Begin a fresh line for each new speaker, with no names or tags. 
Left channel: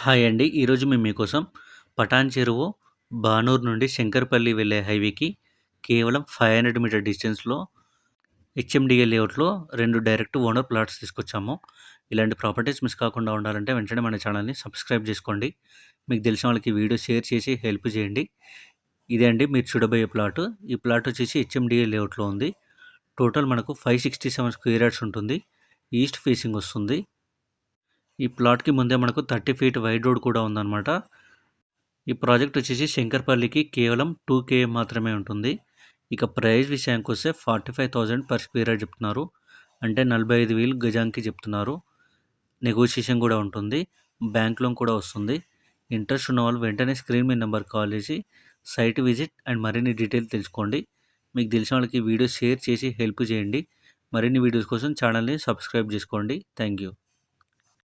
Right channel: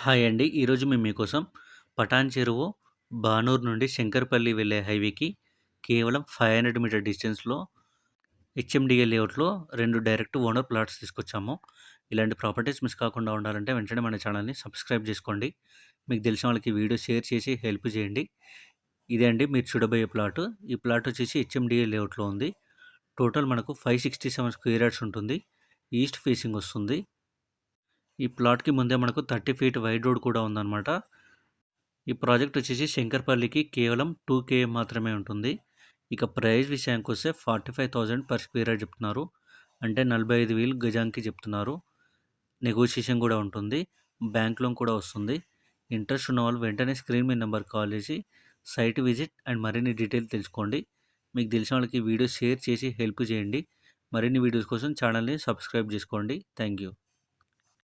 Hi అండి. ఈరోజు మేము మీకోసం పటాన్ చెరువు, బానూరు నుండి శంకరపల్లి వెళ్ళే హైవేకి కేవలం 500 మీటర్ డిస్టెన్స్‌లో హెచ్ఎండిఏ లేఅవుట్‌లో రెండు డైరెక్ట్ ఓనర్ ప్లాట్స్ తీసుకొచ్చాము. ఇలాంటి ప్రాపర్టీస్ మిస్ కాకుండా ఉండాలంటే వెంటనే మన ఛానల్‌ని సబ్స్క్రైబ్ చేసుకోండి. మీకు తెలిసిన వాళ్ళకి వీడియో షేర్ చేసి హెల్ప్ చేయండి. ఇదే అండి మీరు చూడబోయే ప్లాట్ ఈ ప్లాట్ వచ్చేసి హెచ్ఎండిఏ లేఅవుట్‌లో ఉంది. టోటల్ మనకు 567 స్క్వేర్ యార్డ్స్ ఉంటుంది. ఈస్ట్ ఫేసింగ్ వస్తుంది. ఈ ప్లాట్‌కి ముందే మనకు 30 ఫీట్ వైడ్ రోడ్ కూడా ఉందన్నమాట. ఈ ప్రాజెక్ట్ వచ్చేసి శంకర్పల్లికి కేవలం టూ కే మాత్రమే ఉంటుంది. ఇక ప్రైస్ విషయానికొస్తే 45,000 పర్ స్క్వేర్ యార్డ్ చెప్తున్నారు. అంటే 45,000 గజానికి చెప్తున్నారు. నెగోషియేషన్ కూడా ఉంటుంది. బ్యాంక్ లోన్ కూడా వస్తుంది. ఇంట్రెస్ట్ ఉన్నవాళ్ళు వెంటనే స్క్రీన్ మీ నెంబర్ కాల్ చేసి సైట్ విజిట్ అండ్ మరిన్ని డీటెయిల్స్ తెలుసుకోండి. మీకు తెలిసిన వాళ్ళకి వీడియో షేర్ చేసి హెల్ప్ చేయండి. మరిన్ని వీడియోస్ కోసం ఛానల్‌ని సబ్స్క్రైబ్ చేసుకోండి. Thank you.